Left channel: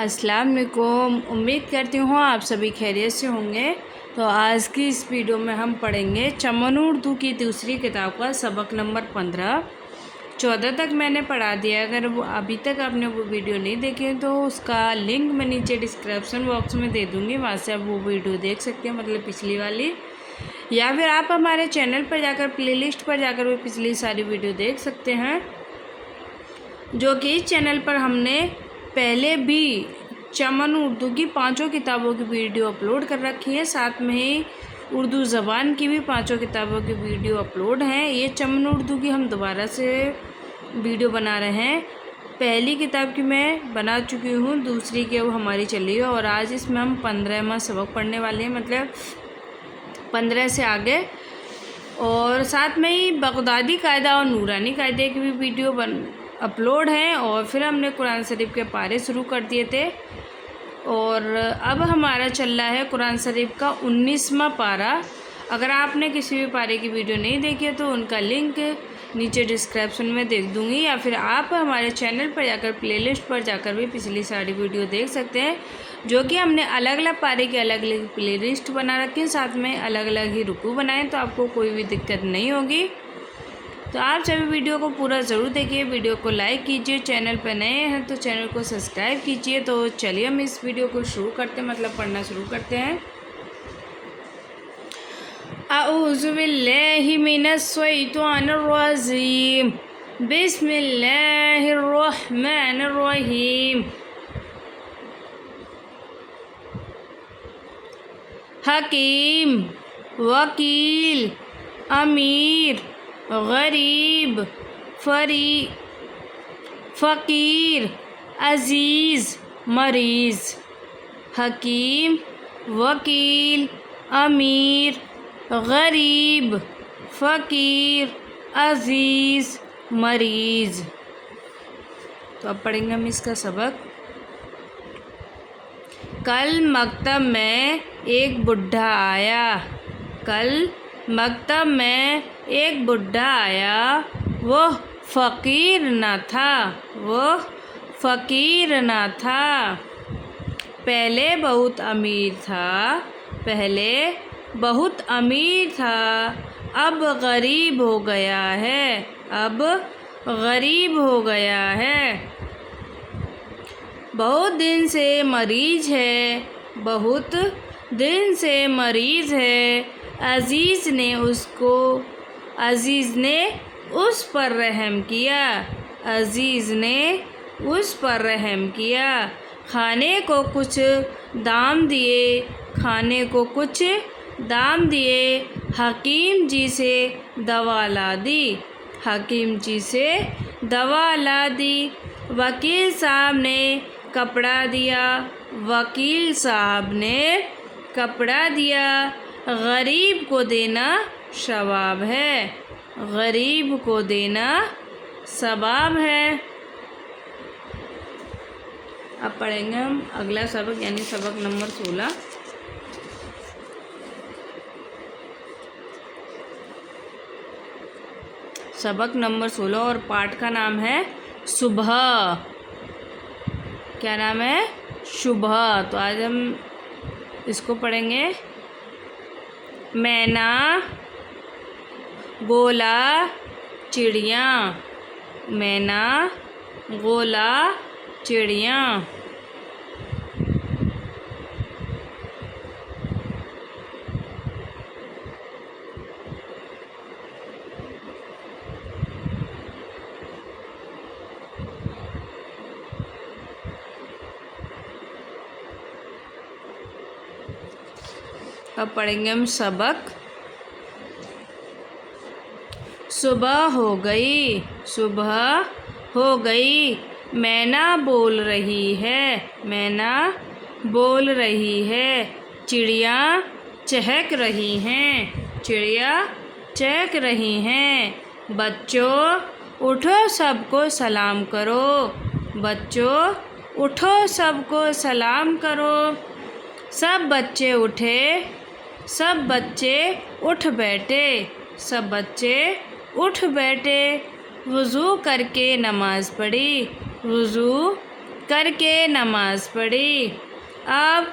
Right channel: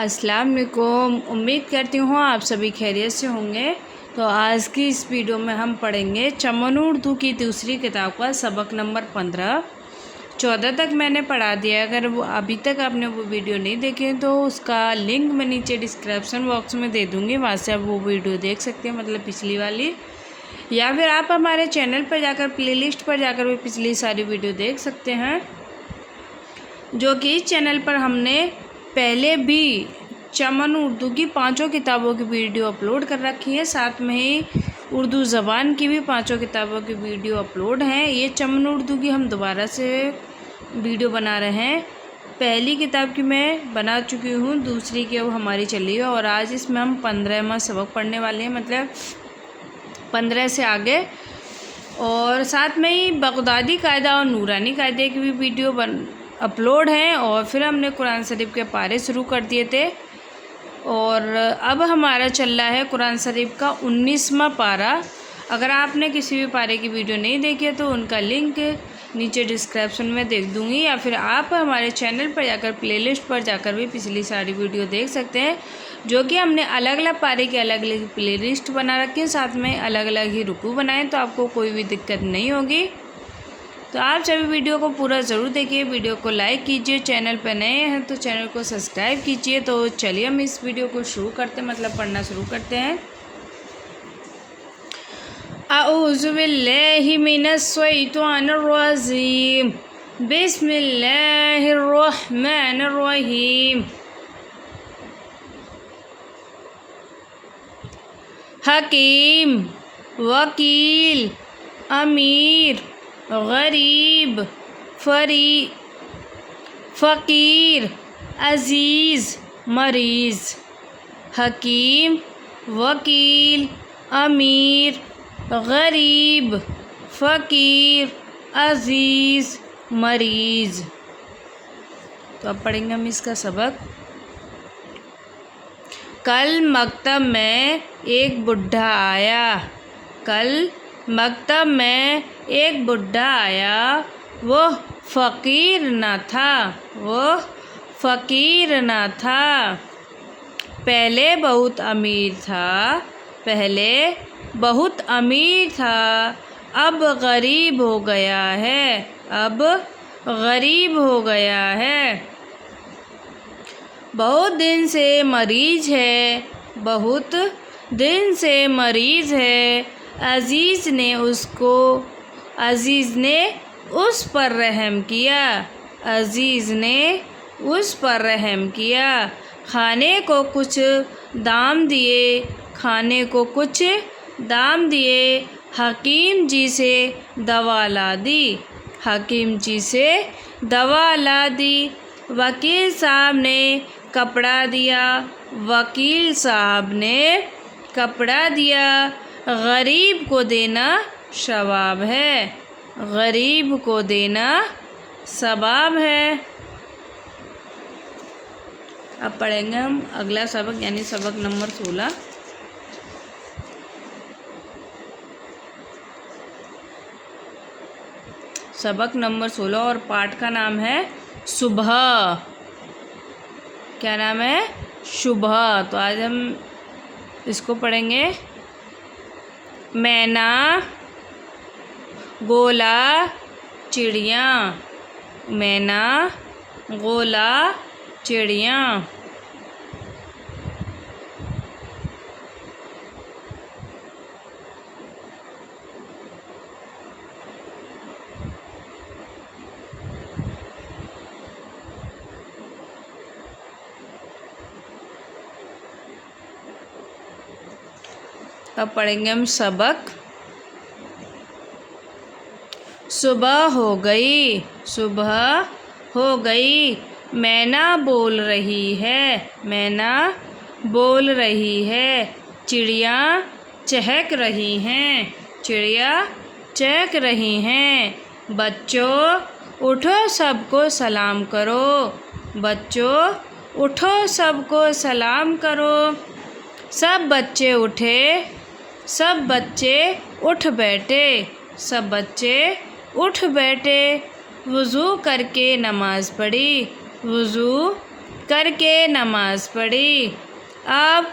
अस्सलाम वालेकुम। उम्मीद करती हूँ आप सभी खैरियत से होंगे। तो आज की इस वीडियो में हम पढ़ेंगे चमन उर्दू की दूसरी किताब का सबक नंबर 15। 14 तक मैंने पढ़ा दिया। अगर वो अभी तक आपने वो वीडियो नहीं देखे तो उसका लिंक मैं नीचे डिस्क्रिप्शन बॉक्स में दे दूँगी, वहाँ से आप वो वीडियो देख सकते हैं, मतलब पिछली वाली। या फिर आप हमारे चैनल पर जाकर प्लेलिस्ट पर जाकर भी पिछली सारी वीडियो देख सकते हैं, जो कि इस चैनल पर हमने पहले भी चमन उर्दू की 5 किताबों की वीडियो अपलोड कर रखी है। साथ में ही उर्दू ज़बान की भी 5 किताबों की वीडियो अपलोड हैं। ये चमन उर्दू की हम दोबारा से वीडियो बना रहे हैं। पहली किताब की मैं बना चुकी हूँ, दूसरी की अब हमारी चली है और आज इसमें हम 15वां सबक पढ़ने वाले हैं, मतलब 15 से आगे। और साथ में ही बगदादी कायदा और नूरानी कायदे की भी वीडियो अपलोड हैं। और फिर हमने कुरान शरीफ के पारे शुरू कर दिए थे और अब हमारा चल रहा है कुरान शरीफ का 19वां पारा। अगर आपने किसी भी पारे की वीडियो नहीं देखी है तो उनका लिंक नीचे डिस्क्रिप्शन में दे दूँगी, या फिर आप हमारे चैनल पर जाकर प्लेलिस्ट पर जाकर भी पिछली सारी वीडियो देख सकते हैं, जो कि हमने अलग अलग पारे की अलग अलग प्लेलिस्ट बना रखी है। साथ में अलग अलग ही रुकू बनाए, तो आपको कोई भी दिक्कत नहीं होगी। तो आप सभी वीडियो को पूरा ज़रूर देखिए, वीडियो को लाइक कीजिए, चैनल पर नए हैं तो चैनल को सब्सक्राइब कीजिए। तो चलिए हम इस वीडियो को शुरू करते हैं, मतलब पढ़ना शुरू करते हैं। अऊज़ु बिल्लाहि मिनश शैतानिर रजीम, बिस्मिल्लाहिर रहमानिर रहीम। हकीम, वकील, अमीर, गरीब, फ़कीर, अज़ीज़, मरीज़। हकीम, वकील, अमीर, गरीब, फ़कीर, अज़ीज़, मरीज़। तो अब पढ़ेंगे हम इसका सबक। कल मकतब में एक बुढ़ा आया। कल मकतब में एक बुढ़ा आया, वह फ़कीर न था, वह फ़कीर न था। पहले बहुत अमीर था, पहले बहुत अमीर था, अब गरीब हो गया है, अब गरीब हो गया है। बहुत दिन से मरीज़ है, बहुत दिन से मरीज़ है। अज़ीज़ ने उस पर रहम किया, अज़ीज़ ने उस पर रहम किया। खाने को कुछ दाम दिए, खाने को कुछ दाम दिए। हकीम जी से दवा ला दी, हकीम जी से दवा ला दी। वकील साहब ने कपड़ा दिया, वकील साहब ने कपड़ा दिया। गरीब को देना सवाब है, गरीब को देना सवाब है। अब पढ़ेंगे हम अगला सबक, यानी सबक नंबर 16। सबक नंबर 16 और पाठ का नाम है सुबह। क्या नाम है? सुबह। तो आज हम इसको पढ़ेंगे। मैना, गोला, चिड़िया। मैना, गोला, चिड़िया। अब पढ़ेंगे हम सबक। सुबह हो गई, सुबह हो गई। मैना बोल रही है, मैना बोल रही है। चिड़िया चहक रही हैं, चिड़िया चहक रही हैं। बच्चों उठो सबको सलाम करो, बच्चों उठो सबको सलाम करो। सब बच्चे उठे, सब बच्चे उठ बैठे, सब बच्चे उठ बैठे। वज़ू करके नमाज़ पढ़ी, वज़ू करके नमाज पढ़ी। अब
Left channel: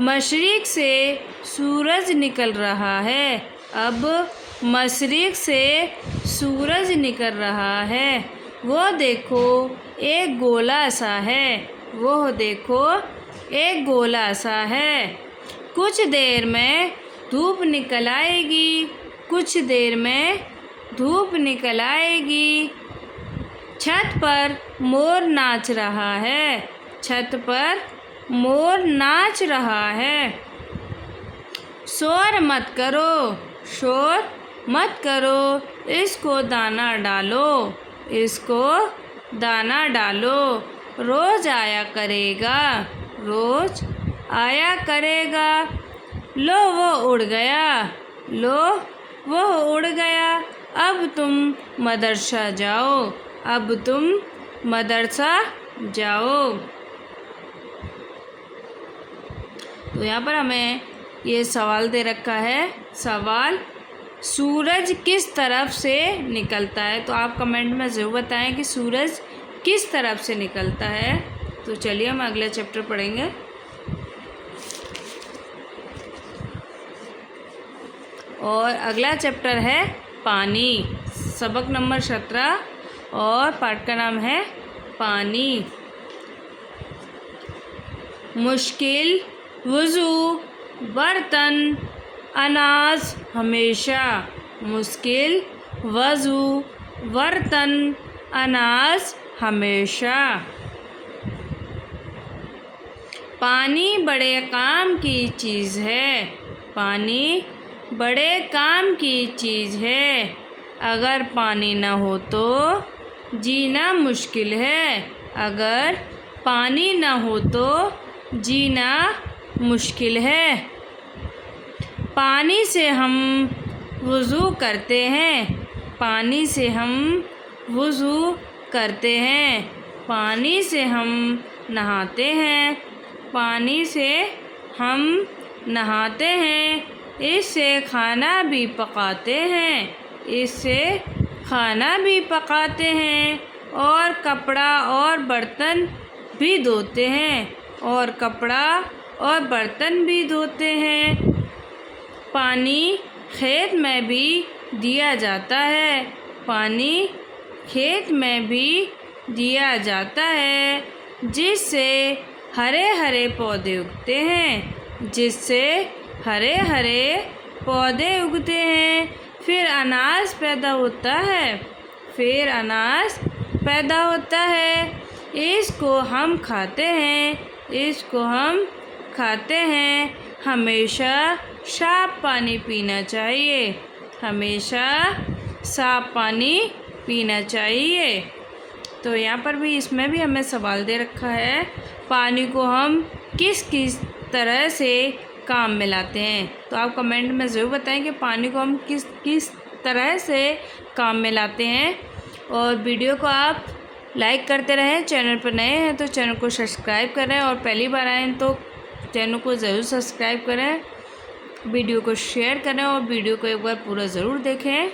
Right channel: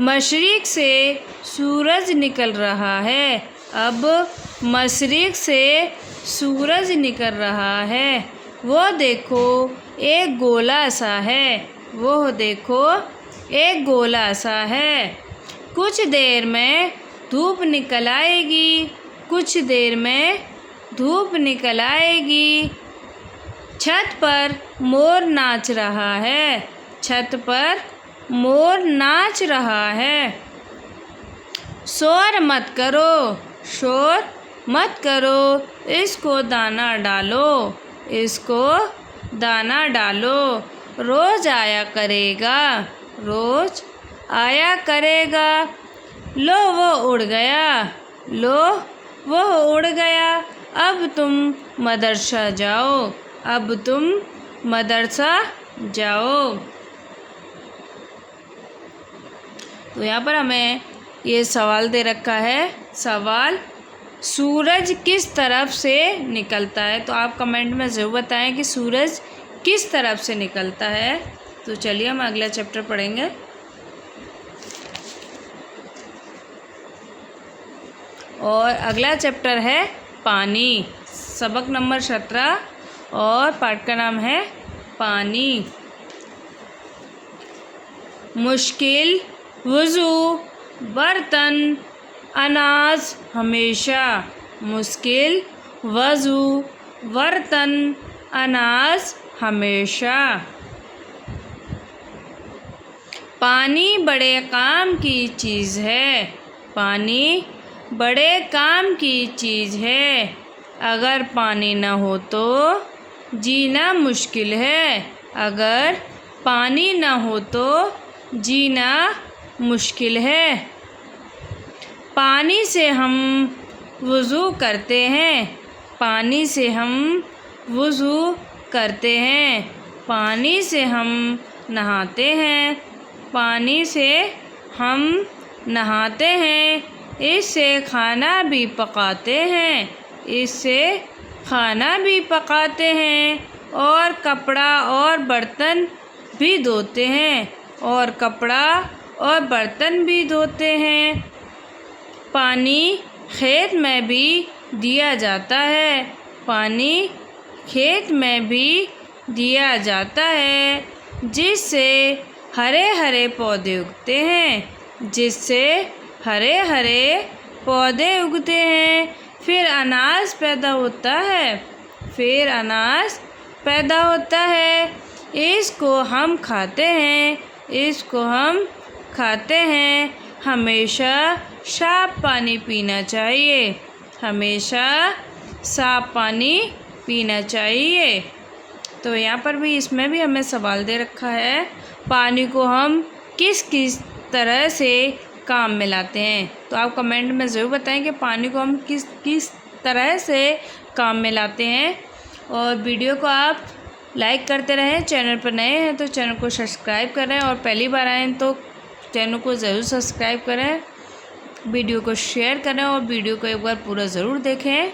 मशरिक़ से सूरज निकल रहा है। अब मशरिक़ से सूरज निकल रहा है। वो देखो एक गोला सा है। वो देखो एक गोला सा है। कुछ देर में धूप निकल आएगी। कुछ देर में धूप निकल आएगी। छत पर मोर नाच रहा है। छत पर मोर नाच रहा है। शोर मत करो। शोर मत करो। इसको दाना डालो। इसको दाना डालो। रोज़ आया करेगा। रोज़ आया करेगा। लो वो उड़ गया। लो वो उड़ गया। अब तुम मदरसा जाओ। अब तुम मदरसा जाओ। तो यहाँ पर हमें ये सवाल दे रखा है। सवाल, सूरज किस तरफ से निकलता है? तो आप कमेंट में ज़रूर बताएं कि सूरज किस तरफ से निकलता है। तो चलिए हम अगला चैप्टर पढ़ेंगे। और अगला चैप्टर है पानी। सबक नंबर 17 और पाठ का नाम है पानी। मुश्किल, वज़ू, बर्तन, अनाज हमेशा। मुश्किल, वज़ू, बर्तन, अनाज हमेशा। पानी बड़े काम की चीज़ है। पानी बड़े काम की चीज़ है। अगर पानी न हो तो जीना मुश्किल है। अगर पानी न हो तो जीना मुश्किल है। पानी से हम वज़ू करते हैं। पानी से हम वज़ू करते हैं। पानी से हम नहाते हैं। पानी से हम नहाते हैं। इससे खाना भी पकाते हैं। इससे खाना भी पकाते हैं और कपड़ा और बर्तन भी धोते हैं। और कपड़ा और बर्तन भी धोते हैं। पानी खेत में भी दिया जाता है। पानी खेत में भी दिया जाता है, जिससे हरे हरे पौधे उगते हैं। जिससे हरे हरे पौधे उगते हैं। फिर अनाज पैदा होता है। फिर अनाज पैदा होता है। इसको हम खाते हैं। इसको हम खाते हैं। हमेशा साफ पानी पीना चाहिए। हमेशा साफ पानी पीना चाहिए। तो यहाँ पर भी इसमें भी हमें सवाल दे रखा है, पानी को हम किस किस तरह से काम में लाते हैं। तो आप कमेंट में ज़रूर बताएं कि पानी को हम किस किस तरह से काम में लाते हैं। और वीडियो को आप लाइक करते रहें। चैनल पर नए हैं तो चैनल को सब्सक्राइब करें और पहली बार आएँ तो चैनल को ज़रूर सब्सक्राइब करें। वीडियो को शेयर करें और वीडियो को एक बार पूरा ज़रूर देखें।